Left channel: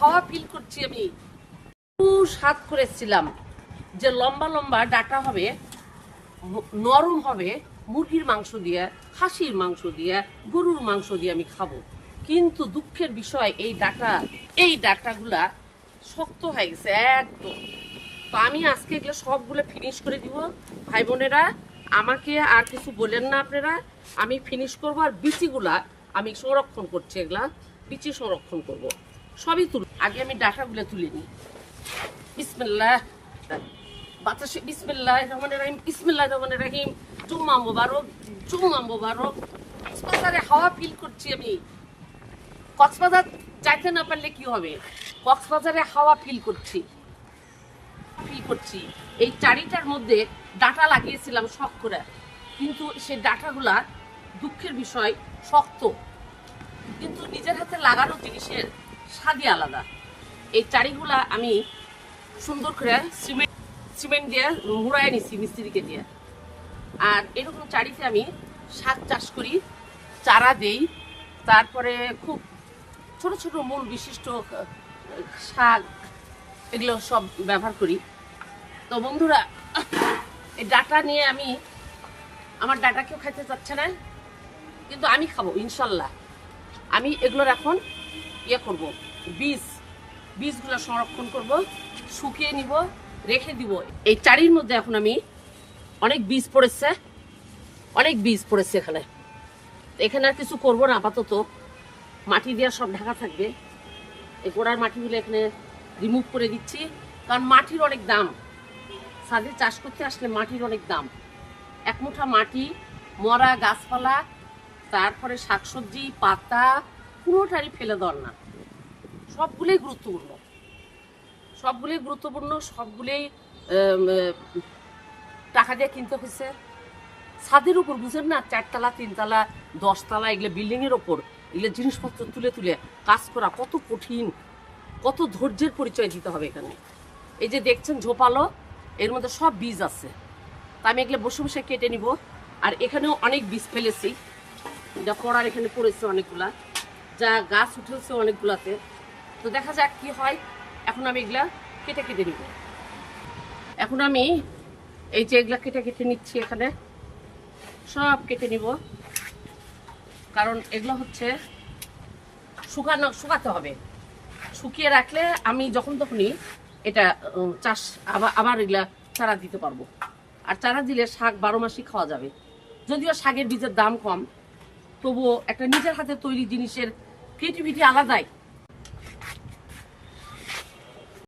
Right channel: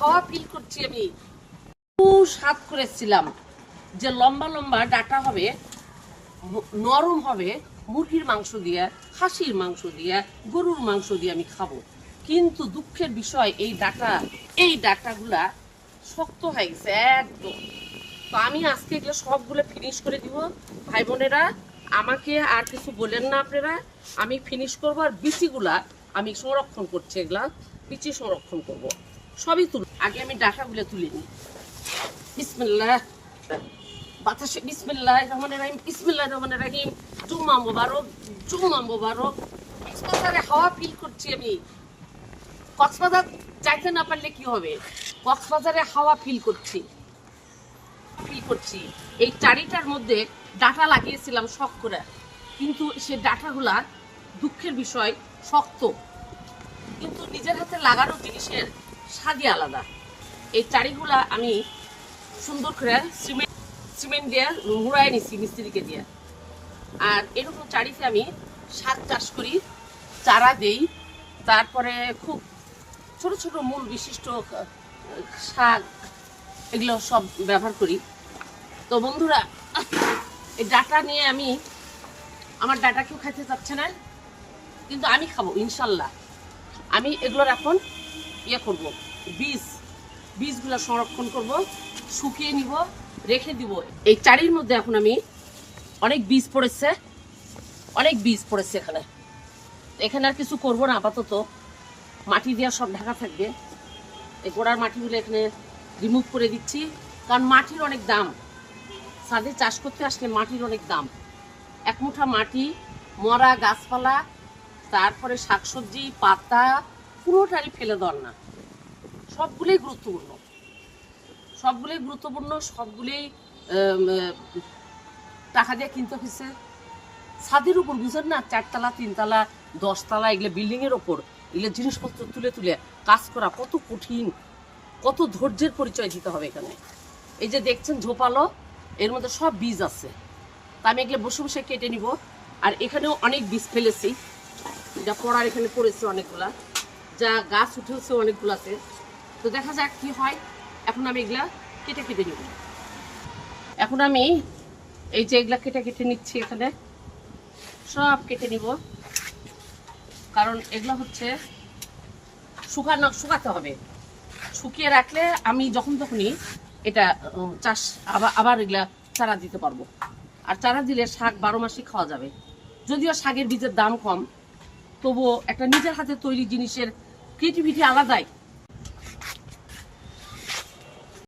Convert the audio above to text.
হাওয়া ফিল করছি আমি। স্বাদ করেছিলাম যে লম্বা লম্বা ডাটা হবে, নরম হবে, মুরগির মাংস দিয়ে, খাসির মাংস দিয়ে, গরুর মাংস দিয়ে আমি খাব। কিন্তু দুঃখের বিষয়, এই ডাটা, এই ডাটাগুলা শক্ত হয়ে গেছে একদম। তো আমি আজকে এগুলো সবগুলো ফিনিশ করে দিব। ভাই বোনেরা, আমাকে আর কিছু বলেন না আপনারা। আমি ফিনিশ করব আর বিচিগুলা আমি সংরক্ষণ করছি এগুলা, বিচি সংরক্ষণ করব। সবই তুল, আগে আমি ডাটাগুলো তুলে নিই। বিসমিল্লাহ, বাতাসে বিসমিল্লাহ রহমানের রহিম, বিসমিল্লাহ রহমানের রহিম, জুম্মা মোবারক জুম্মা মোবারক। কক্সবাজারে হাওয়া ফিল করছি আমি। কক্সবাজার যাইতে না পারলে কি হবে? কক্সবাজারে হাওয়া ফিল করছি। ফিল করছি। এই চারিটার মধ্যে ডাটা লাগিয়েছিলাম শখ করে। কিন্তু সেই ডাটাগুলা দুঃখের বিষয়, শক্ত। কিন্তু নিজের হাতে লাগানো জিনিসের স্বাদই আলাদা। এই চারিগুলা আমি সুন্দর করে সিমেন্ট সিমেন্ট দিয়ে মুড়াই নিচ্ছি মিস্ত্রিকে দিয়ে। আর এরকম চারিতে আমি শাক চাষ করি, চারা দেই। তারপরে খুব ছোট ছোট মূল বিশিষ্ট শাক এগুলো সব ব্যবহার করি। তো বন্ধুরা, এই ডাটা নিয়ে আমি আমার ডাটা কেউ খাইতে চাচ্ছে না। কিন্তু আমি খাব, ইনশাল্লাহ। আমি এগুলোর এখন ইয়ে করব, বীজ, বীজগুলো সংরক্ষণ করব, শুকিয়ে নিব, রেখে দিব। এই চারির মধ্যে এখন আমি অনেক বীজ পড়েছে, অনেক বীজ পড়েছে এখানে। এখানে আর কিছু করব না, আপাতত। মাটি দেওয়া সব ঢাকা থাকবে। এই গোড়ার মাটিগুলো এখানে রিমুভ করে দিচ্ছি, কারণ মাটির অনেক দাম। ছাদে চাষ করতে আসলে মাটির অনেক দাম। এক মুঠা মাটি, মরা গাছপালা তারপরে শাকসবজি, পাতা, পুরোটারই ফেলে দেওয়ার না। সবগুলোই গুরুত্বপূর্ণ। সবগুলোই গুরুত্বপূর্ণ, সবগুলোই টাকা দিয়ে কিনতে হয়েছে ছাদের উপর বুঝেন না, চারতলা, তিনতলা, দশতলা, এগুলো বিল্ডিংয়ের ওপর এগুলো জিনিসপত্র তুলে তুলে কাজ করা কত কঠিন, কত ধৈর্যের পরিচয় দিতে হবে এখানে। এই যে দেখছেন ঝোপালো, এর মধ্যে সব বীজ আছে। তা আমি এগুলো বসে বসে কেটে নিব। আর এখানেও অনেক বীজ ফেলেছি। যা পড়ার এখানে পড়েছে অনেকগুলা, যা গাছ উঠেছে অনেকগুলাতে। তো দেখা যাক কি হয়। এখন আমি এগুলা কেটে কেটে নিব। এখন আমি এই যে এগুলা কেটে কেটে নিচ্ছি এখানে, সব কেটে নিব। কারণ এগুলো হচ্ছে শুকানো, শুকাতে হবে। শুকিয়ে রাখলে আমি যখন তখনই এটা চাষ আবার আবার এগুলা চারা দিতে পারব। আর চারা দিলে শাক বারো মাসই খাওয়া যাবে। যদিও শাকের বীজের দাম কম তবুও একটা নিজের হাতে তৈরি জিনিসের ক্রিয়েটিভিটি আলাদাই।